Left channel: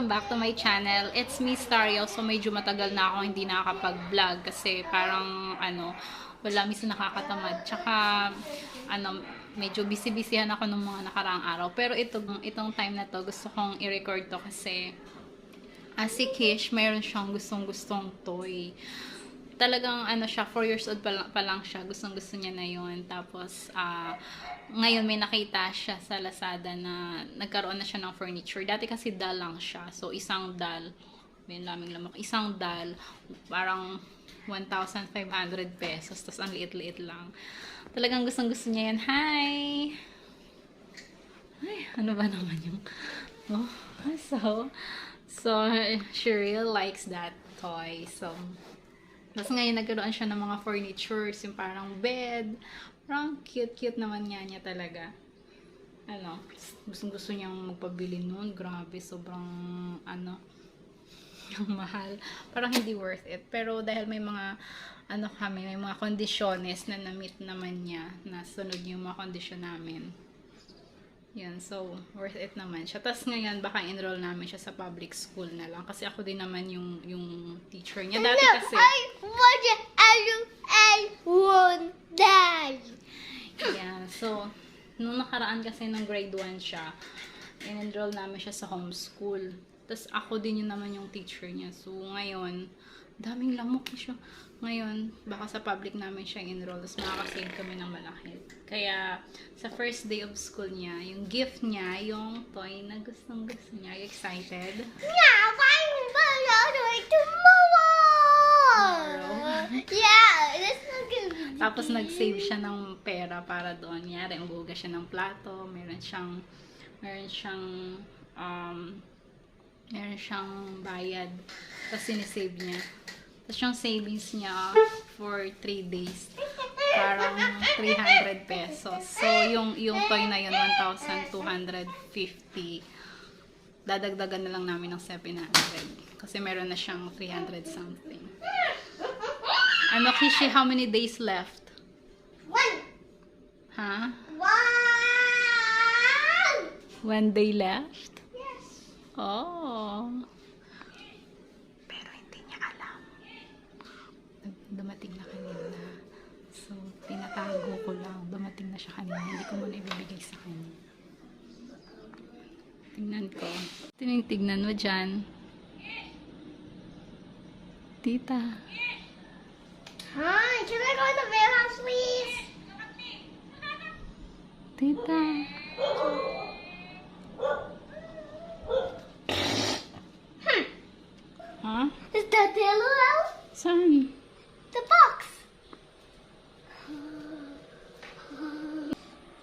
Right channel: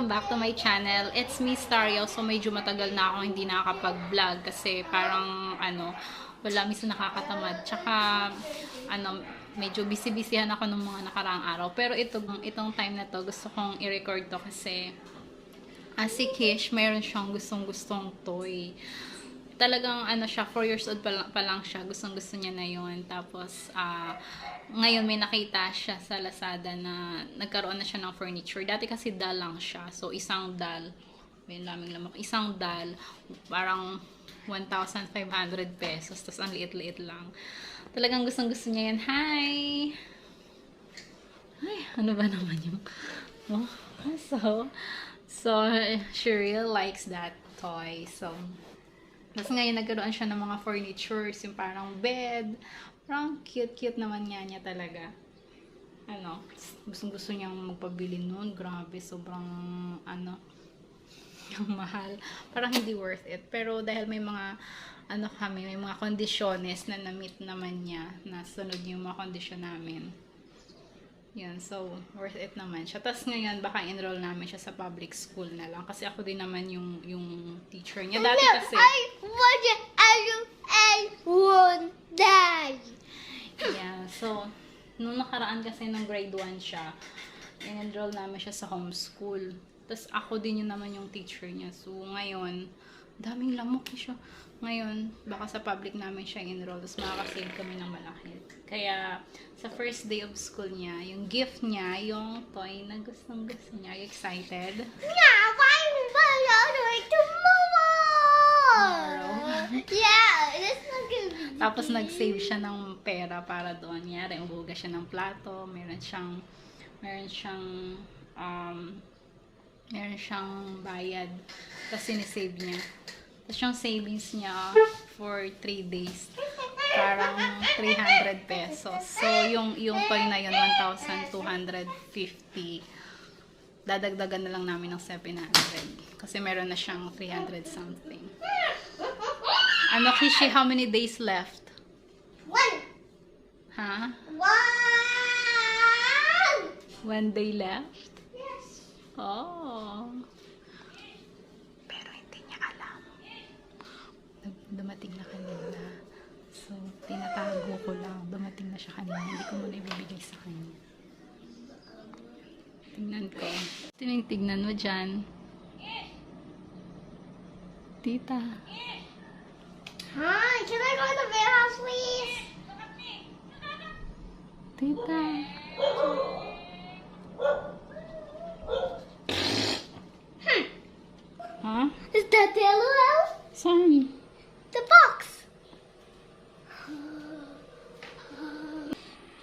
welcome back to my channel. It's me, Stario. So, medyo matagal na ako hindi nakakapag-vlog kasi parang, wala, minsan nakakatamad. Tsaka, medyo busy-busyhan ako ng mga nakaraang araw. Pero itong time na to, gusto kong i-record to kasi si KYSH, mayroon siyang gustong-gustong toy. Talagang siya, 4 years old pa lang siya, gustong-gusto niya na yun. Tapos, ngayon may nakita siya sa Lazada na nagkaroon na siya ng furniture. Dati kasi doll lang siya. So, isang doll, may lamang lamang, isang doll, parang 1,500 pesos. Tapos, ang liit-liit lang. Talagang gustong-gusto niya yan. Hi! Ay, ano ba naman yung... Oh, so, she really likes that toy. So, tapos ngayon nagkaroon siya ng mga furnitures, yung parang bed. Parang cute-cute naman niya talaga. Gusto niyang magpabili nun. Grabe, sobrang, yung mahal. Parang hindi worth it. Pero dahil may mga, may mga kondisyones na na-meet naman niya, na sunod yung mga kondisyon namin. Yan, so, worth it naman siya. Tapos ngayon, baka enroll namin siya sa public school na lang. Kasi ako din naman yung teacher niya. Dati kasi... I won't die. Yeah, so, nung nakaraan kasi ng grade 1 siya, in-enroll namin siya sa homeschool. Tapos ako din yun naman yung teacher niya. So, ngayon, daming lamok siya. Ngayon, baka sa public namin siya enroll. Tapos makakasave kami ng malaki. Kaya, sa first day of school niya, yung gift niya, yung toy na gustong-gusto niya. Are you excited? Yeah, yeah, that's not gonna be. Tapos nag-save siya ng pera para doon. Yari, umuhugas siya ng plato. Meron siyang bayad. Tapos sinisave niya. Tapos yung savings niya for 3 days. Parang 300 pesos. So, yung toy na yun, 1,250. Dadagdagan na lang namin ng 700. Kasi meron na siyang 300 something. KYSH, how many days left? 1. Huh? 1 1. day left? Yes. Oh. Pero hindi niya alam. Dumating na kanina. So, tinatago ko lang. Dumating na siya kanina. Hindi ko muna ibibigay sa kanya. Tingnan ko. Tingnan mo dyan. Tita. Hi, can I go to the warehouse, please? Tita. Huh? Is that the yellow house? Saan? The box.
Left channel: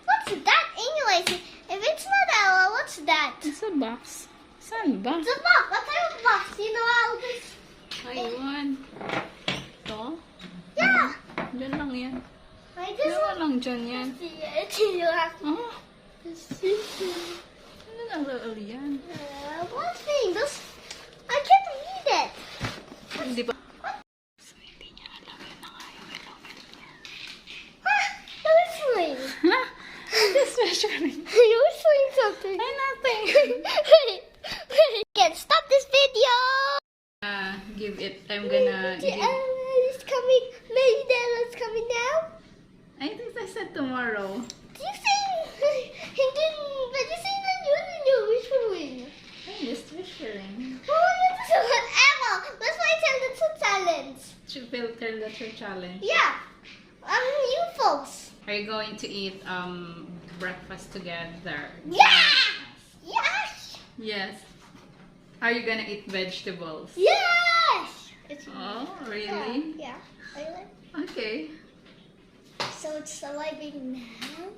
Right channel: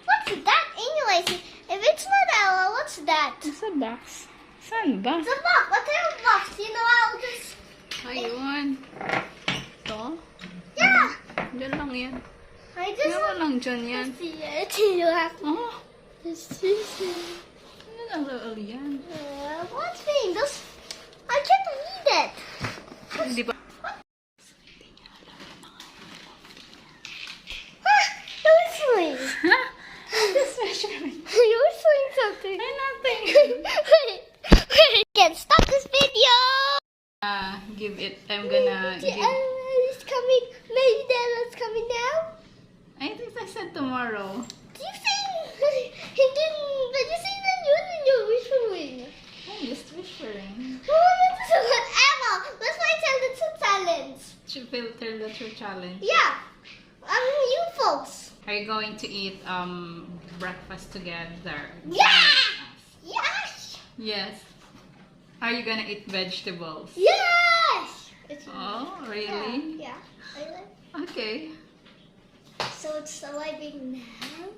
What's that anyways? If it's not yellow, what's that? It's a box. Saan ba? It's a box. What kind of box? You know, I'll just... Ayun. Ito? Yeah. Diyan lang yan. I just... Diyan lang dyan yan. You have to... Oh, ano lang laal yan? What thing? Those... I can't read it. Hindi ba? So, hindi niya alam yun na nga yung element niya. You're swing. Ha? This measuring. You're swing something. Ay, nothing. Wait. Can't stop this video. Give it. I'm gonna give... It's coming. Maybe Dad's coming now. I think I said tomorrow. Do you think he didn't? But you think that you're whispering? I'm just whispering. Oh, this is whatever. That's why I tell the two talents. Should filter the true challenge. Yeah. You folks. Are you going to eat breakfast together? Yeah. Yes. Yes. Are you gonna eat vegetables? Yes. It's Oh, really? Yeah. I like. Okay. So it's arriving now.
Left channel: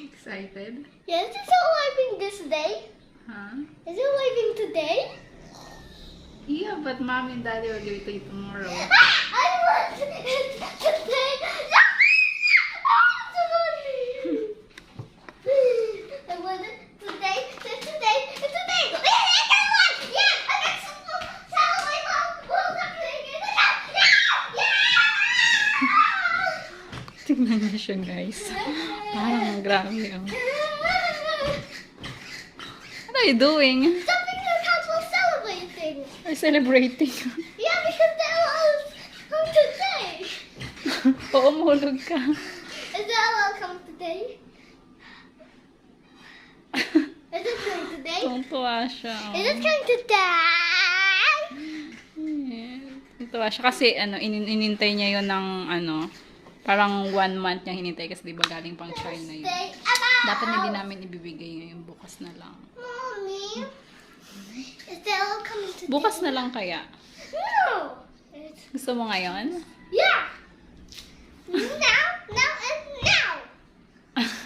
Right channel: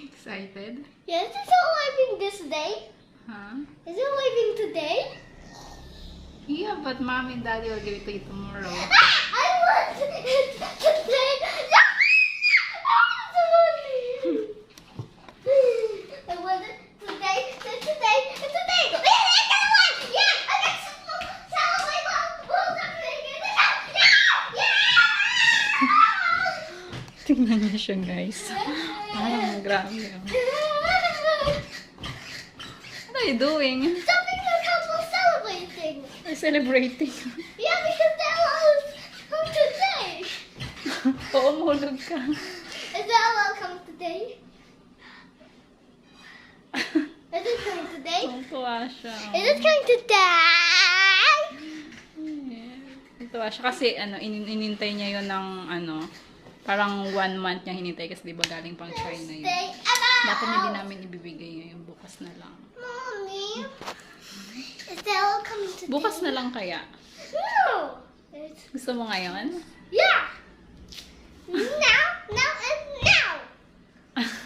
Excited? Yes, it's arriving this day. Huh? Is it arriving today? Yeah, but mom and daddy will give it to you tomorrow. I want it today. Yeah! I want it today. Today. Yeah! I got some my mom. Tingnan mo siya, guys. Grabe yun. What are you doing? Something like how we're celebrating. We're celebrating. Yeah, because the LOL come today. Oo, mahulog ka. Is the LOL come today? Is it coming today? Tuntua siya. Is it coming today? Tuntua siya kasi inintay niya yon ng parang 1 month niya hinintay kasi di ba galing pang China yun. Stay about. Dapat hindi namin ibibigay ngayon, bukas na lang. Mommy, is the LOL coming today? Bukas na lang kaya. No. Gusto mo ngayon? Yeah. Now, and now.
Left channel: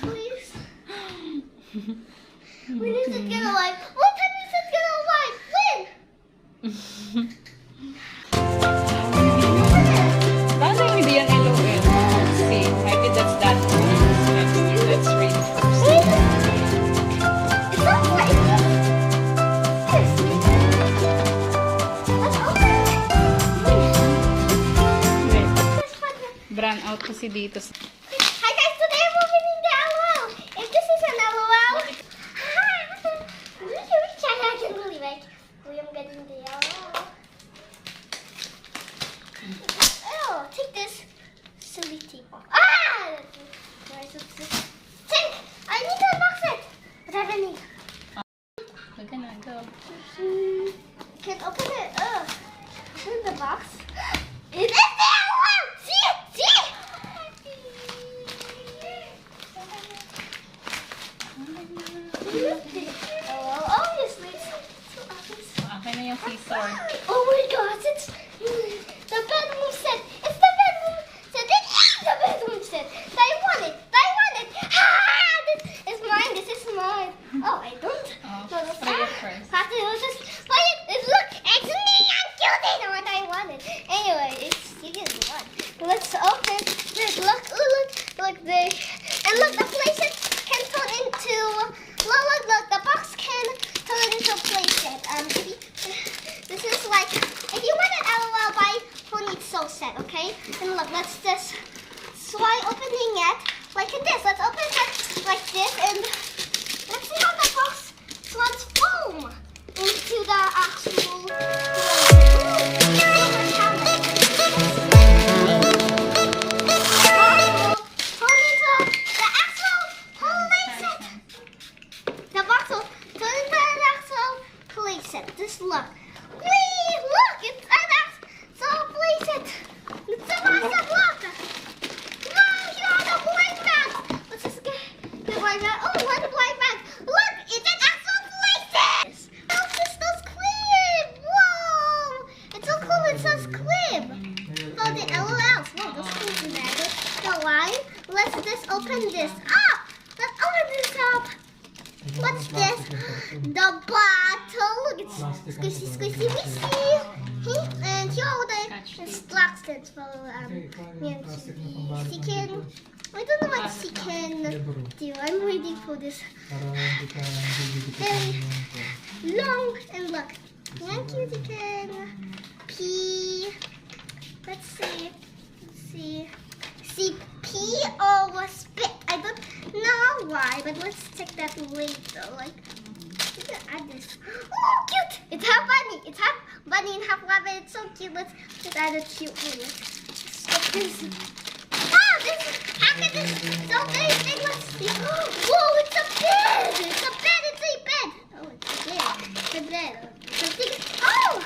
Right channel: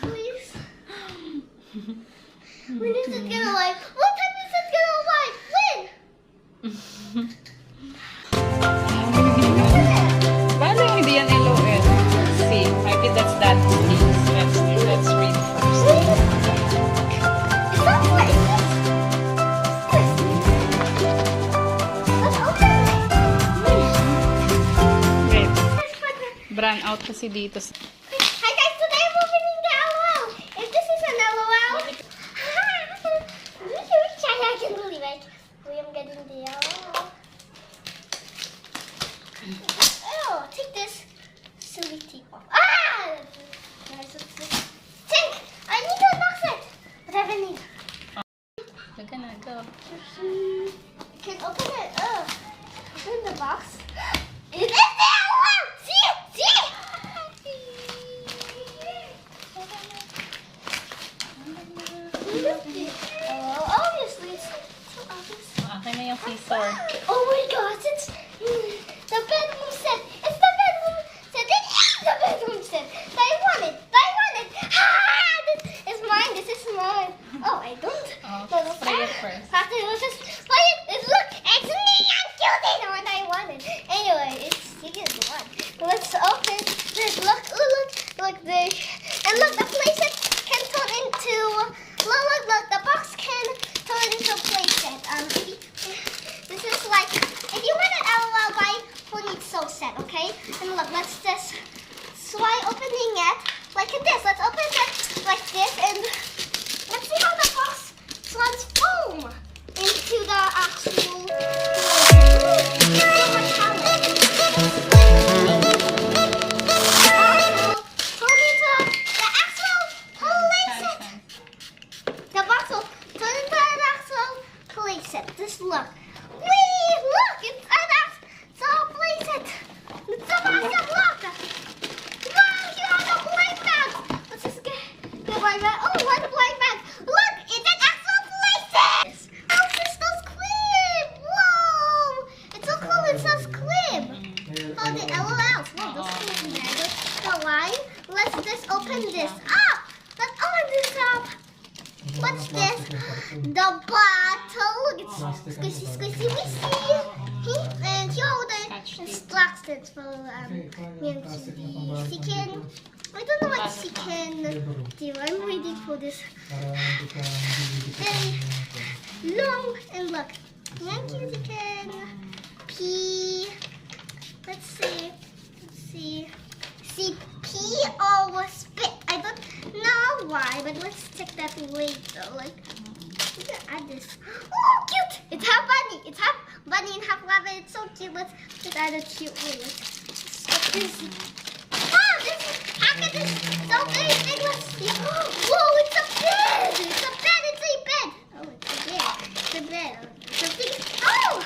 Please. When is it gonna wipe? What time is it gonna wipe? When? Paano hindi yan LOL? Let's see. Maybe that's that. Let's read it first. It's not white. Yes. Let's open it. Wait. Brown out kasi dito. Hi guys, today I'm opening the LOL. If this is an LOL, I can believe it. We am getting the LOL. Oh, take this silly teapot. Ah! Think! I need to unbox it. Whatever I need. Laga na, go. Can open it. Open the box. It is the LOL! See it! See it! Oh, obviously, it's so obvious. Akin na yung scissor. Oh my God! It's the bedroom set. It's the bedroom set. It's the bedroom set. I want it. I want it. Ah! This is mine. This is mine. Oh, I don't. Spray it first. After it just spray it. Look, it's me. I'm cute. I know what I wanted. Anyway, it's you get one. Let's open this. Look, look there. And look, the playset can turn into. Look, the box can turn into a playset. This is like, if you want an LOL buy who needs so set, okay? And look, let's just try opening it like this. Let's open it like this and let's see how the box transform into the actual just look. Wee! Look! It's an actual playset. It's a massive look. Wow! Here are the blind bags. Let's just get the blind bag. Oh, one blind bag. Look! It's an actual playset. Oh, this does clip. Whoa! It's so cool. It says clip. Oh, the LOLs. Whoa, those clips in there. I don't know why. Let's just open this up. Let's open this up. What's this? The bottle. Look, it's squishy, squishy, squishy. And here are the instructions for she can. I don't know what she can do. I'm waiting for this. And long and look. Thank you. She can pee. Let's see. See pee or spit. I don't know why, but let's check that later. Like, we can add this. Oh, cute! It's half bunny. It's half bunny and half rabbit. It's so cute. Let's add a cute one. Let's put this. Ah, this packet is so very big. Let's see. Whoa, it's a bed. It's a bed. It's a bed. Oh, it's a bed. It's a bed. Something. Oh,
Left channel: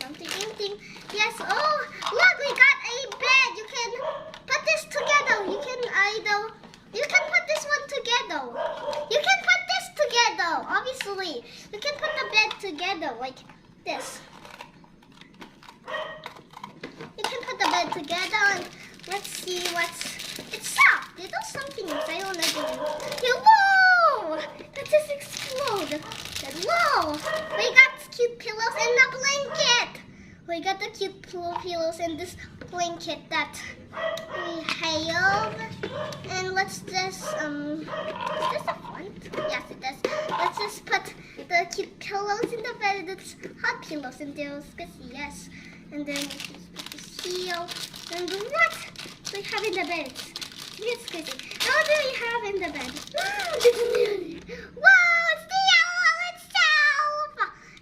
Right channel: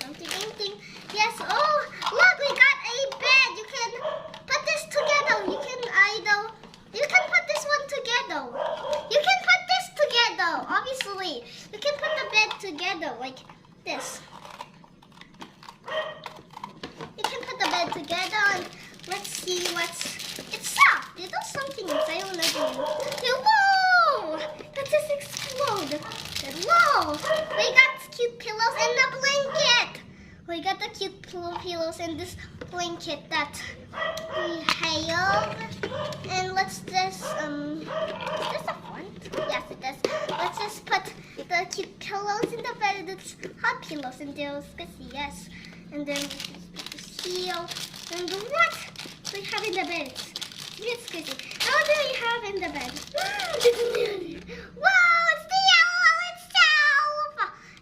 something, anything. Yes. Oh, look, we got a bed. You can put this together. You can put this one together. You can put this together. Obviously, you can put the bed together like this. You can put the bed together and let's see what's. It's soft. There's something inside. I don't know. Whoa! That just exploded. Whoa! We got cute pillows and a blanket. We got the cute pillows and this blanket that we have. And let's just is this a font? Yes, it does. Let's just put the cute pillows in the bed. It's hot pillows and they're squishy, yes. And then put this heel. And what do we have in the bed? It's squishy. What do we have in the bed? Whoa, it's the yellow itself!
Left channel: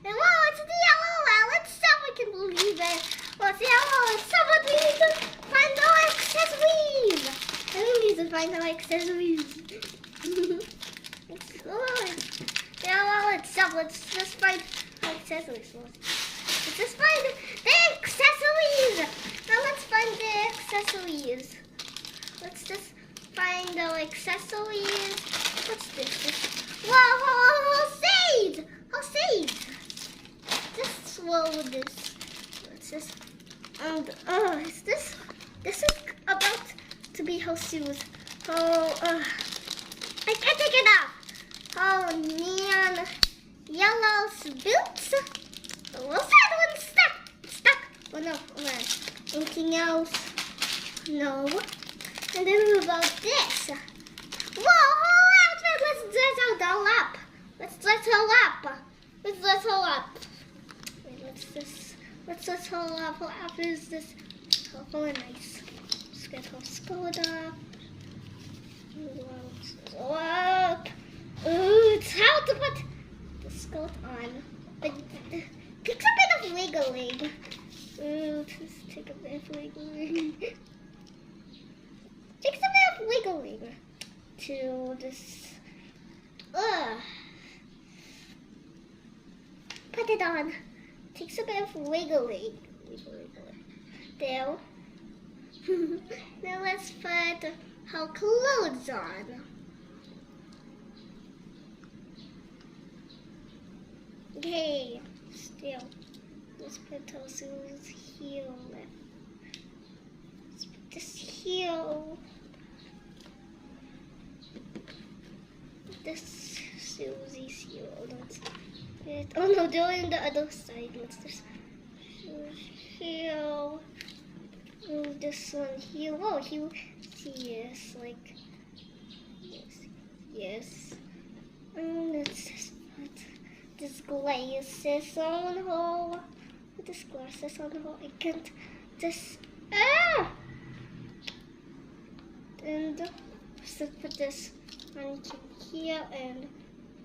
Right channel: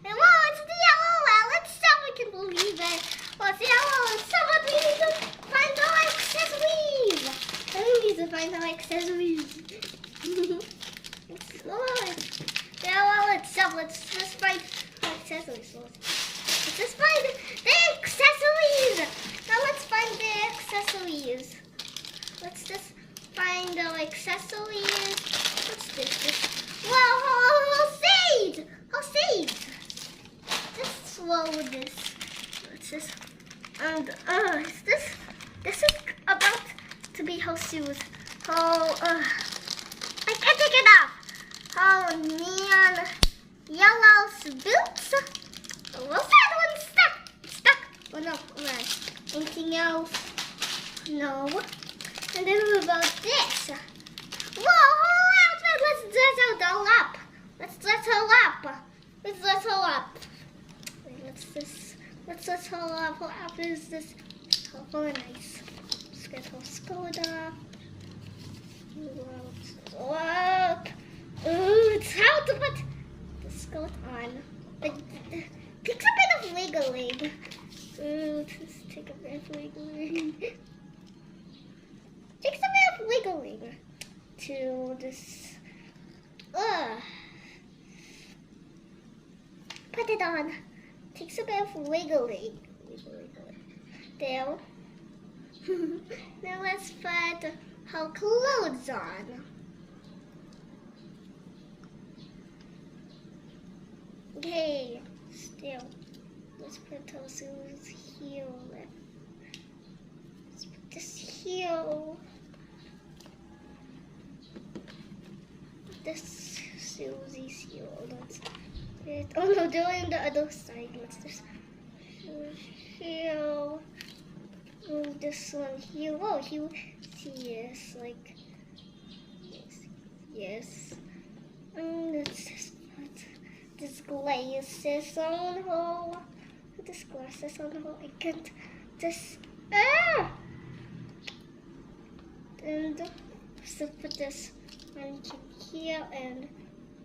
And whoa, it's the yellow well itself. I can believe it. Well, it's yellow itself, but we need to find our accessories. I think we need to find our accessories. It's yellow itself. Let's just find our accessories. Let's just find the accessories. Now let's find the accessories. Let's just find our accessories. What's this? Whoa, sage! Oh, sage! Just slow with this. What's this? And is this is about to be how shoes. Oh, I can't take it off. Oh, neon yellow boots. Oh, what's that one stuck? Oh no, alright. Anything else? No. And then what about this? Whoa, whole outfit. Let's dress out all up. Let's dress all up. Let's dress all up. Wait, let's dress all up. What outfit is this? Oh, very nice. Let's get her skirt up. Let's up. Ooh, it's how to put the skirt on. But takes a bit of wiggling. Ooh, just take a bit of wiggling. Takes a bit of wiggling to this. Put it on. Takes a bit of wiggling. There. Now let's put her clothes on. Okay, still. Let's put her shoes here. Let's put this here. This Susie's here. Let's it. Oh no, they're on the other side. Let's just here. Oh, this one here. Whoa, here. Yes, like yes. Let's just put this glasses on her. Put this glasses on her. I can't just and so put this on here and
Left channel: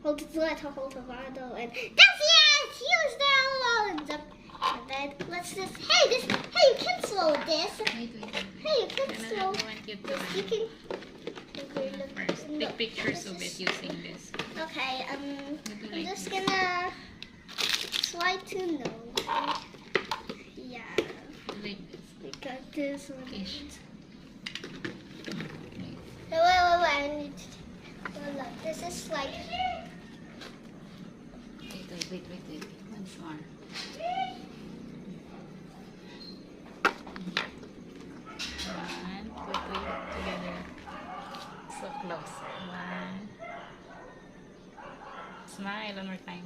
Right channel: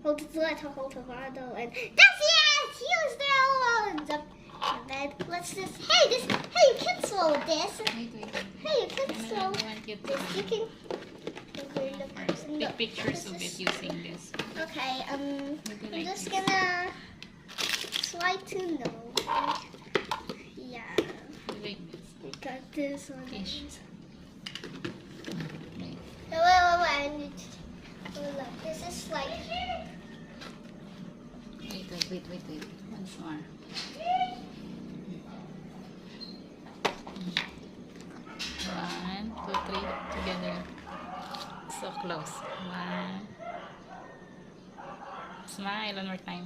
let her hold her bottle and that's it! Here's the ones up in the bed. Let's just hey you can slow this. Hey, you can slow this. You can okay, look. Take pictures of it using this. Okay, I'm just gonna try to know. Yeah. Like this. We got this one. KYSH. Wait. Look, this is like. Wait. Once more. One, two, three, together. So close. One. Smile one more time.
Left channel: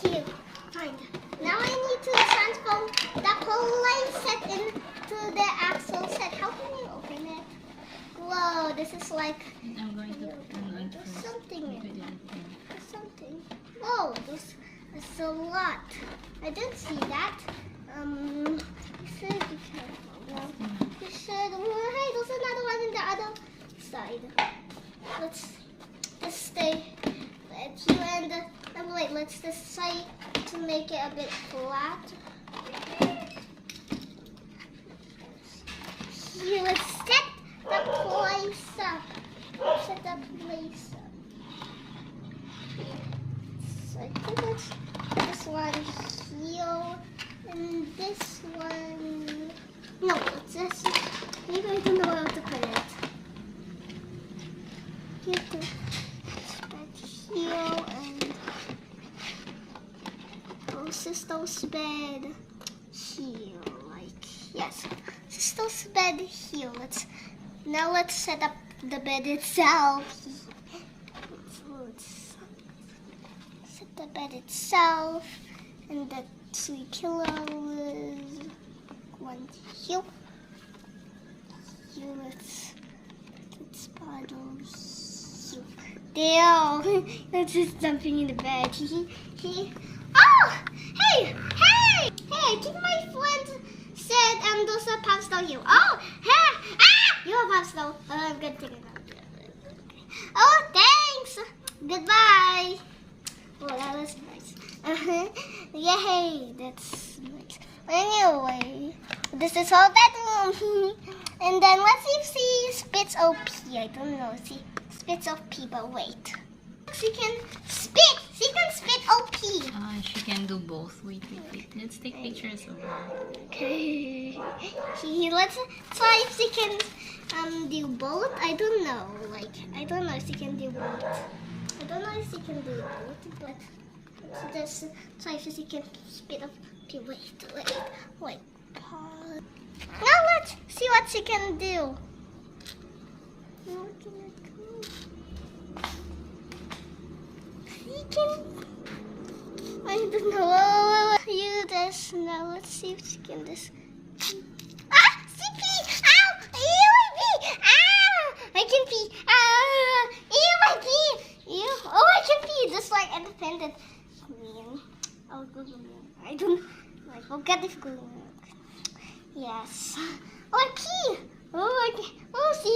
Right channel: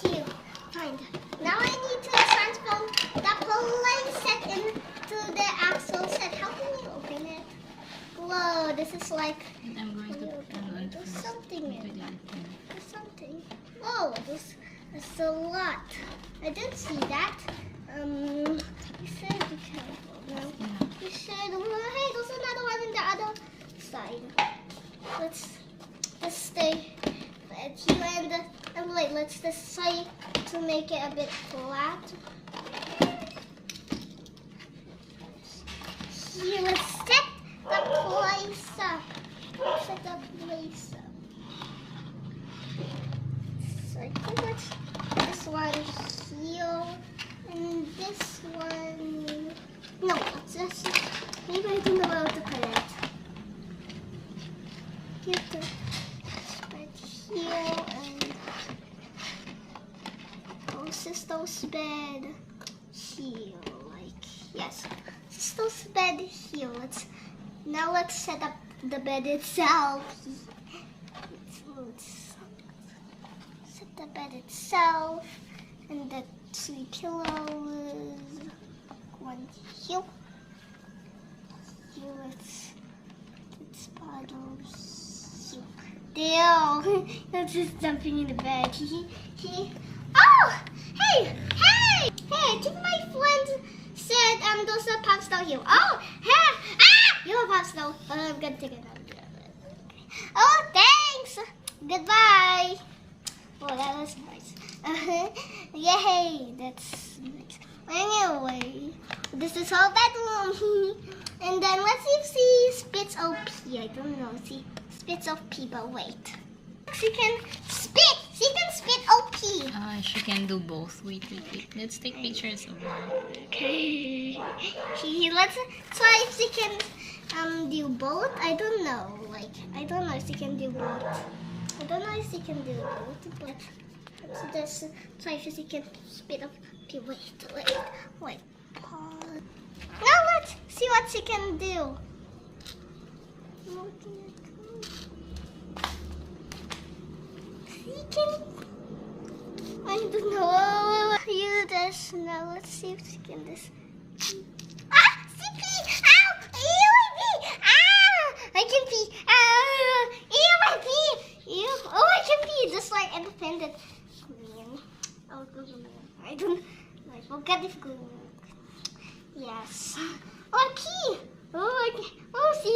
Cute. Fine. Now I need to transform the play set into the actual set. How can you open it? Whoa, this is like. I'm going to open it. There's something in there. There's something. Whoa, there's a lot. I didn't see that. You should be careful. No, you should. Hey, there's another one in the other side. Let's just stay at you and wait. Let's just try to make it a bit flat. Here, let's set the place up. Set the place up. So I think let's this one here and this one. No, it's just maybe I don't know where to put it. You have to put here and sister's bed here, like yes. Sister's bed here. Let's set up the bed itself. Let's set the bed itself and the 3 pillows. One here. Here let's bottles. There. That's just jumping in the bed. Oh! Hey! Keep my friend said there's a pasta here. Oh! Hey! Ah! You have pasta. I'm gonna take it out. Oh, thanks. Goodbye. Oh, that was nice. Yay, that's nice. Anyway, this is our bedroom. And then let's see if she spits OP. I don't know. She spits OP, but wait. She can spit. She can spit OP. She can do both. Wait. Let's take pictures of her. Okay. Let's try if she can do both. I don't know. I don't know if she can do both. I don't know if she can do both, but let's just try if she can spit up. Okay, wait. Pause. Now let's see what she can do. She can. I don't know. Use this now. Let's see if she can this. Ah! She pee! Ow! Ew! I pee! Ah! I can pee! Ah! Ew! I pee! Ew! Oh, I can pee! Just like independent queen. Oh, good. I don't. I forget if good. Yes. Oh, I pee! Oh, okay. Oh, see,